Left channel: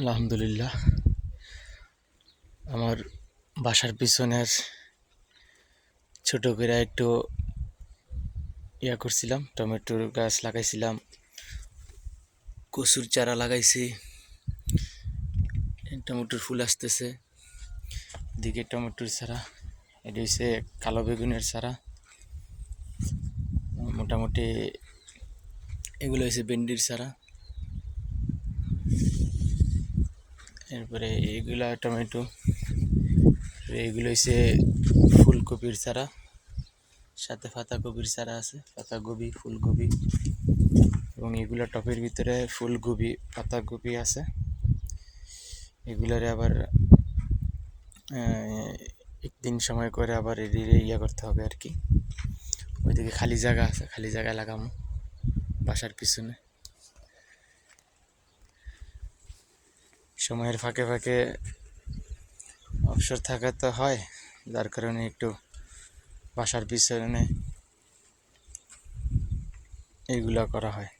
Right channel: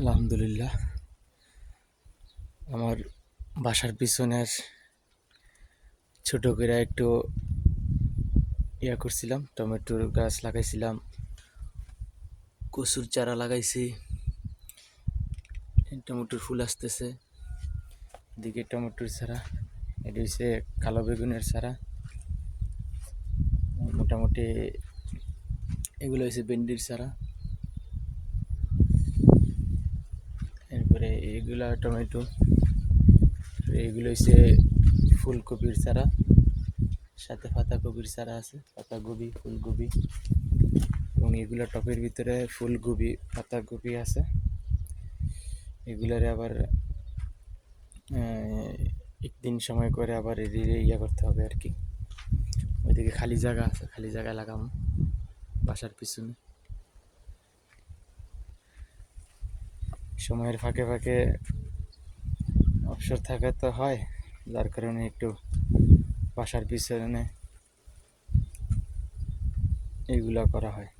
আলহামদুলিল্লাহ। আমার বাসার পিছনের ছোট করে একটু করছিলাম, টমেটোর গাছ লাগাইছিলাম, কচুর চারা লাগাইছি, টমেটোর ফুল আসতেছে, দিকে টমেটোর চারা, এটা হচ্ছে কালো বেগুনের চারা, মোটামুটি এগুলো হচ্ছে ভেন্ডির চারা, এরপরে এইগুলা টমেটো, এইগুলো হচ্ছে ফুলকপির চারা, সাথে পাতাকপির চারা আছে, পাতাকপি ফুলকপি, এবং এগুলো টবের ভিতরে ফুলকপি পাতাকপি আছে। এগুলোরে আবার একদিন সময় করে আবার করতে হবে আর কি। ওইদিকে খালি জায়গা আছে, খালি জায়গায় লাগামো বাসার পিছনে। সময়ের ফাঁকে ফাঁকে অবসর থাকা তো হয়, যার কারণে একটু বাসার পিছনে এগুলো করা হয়।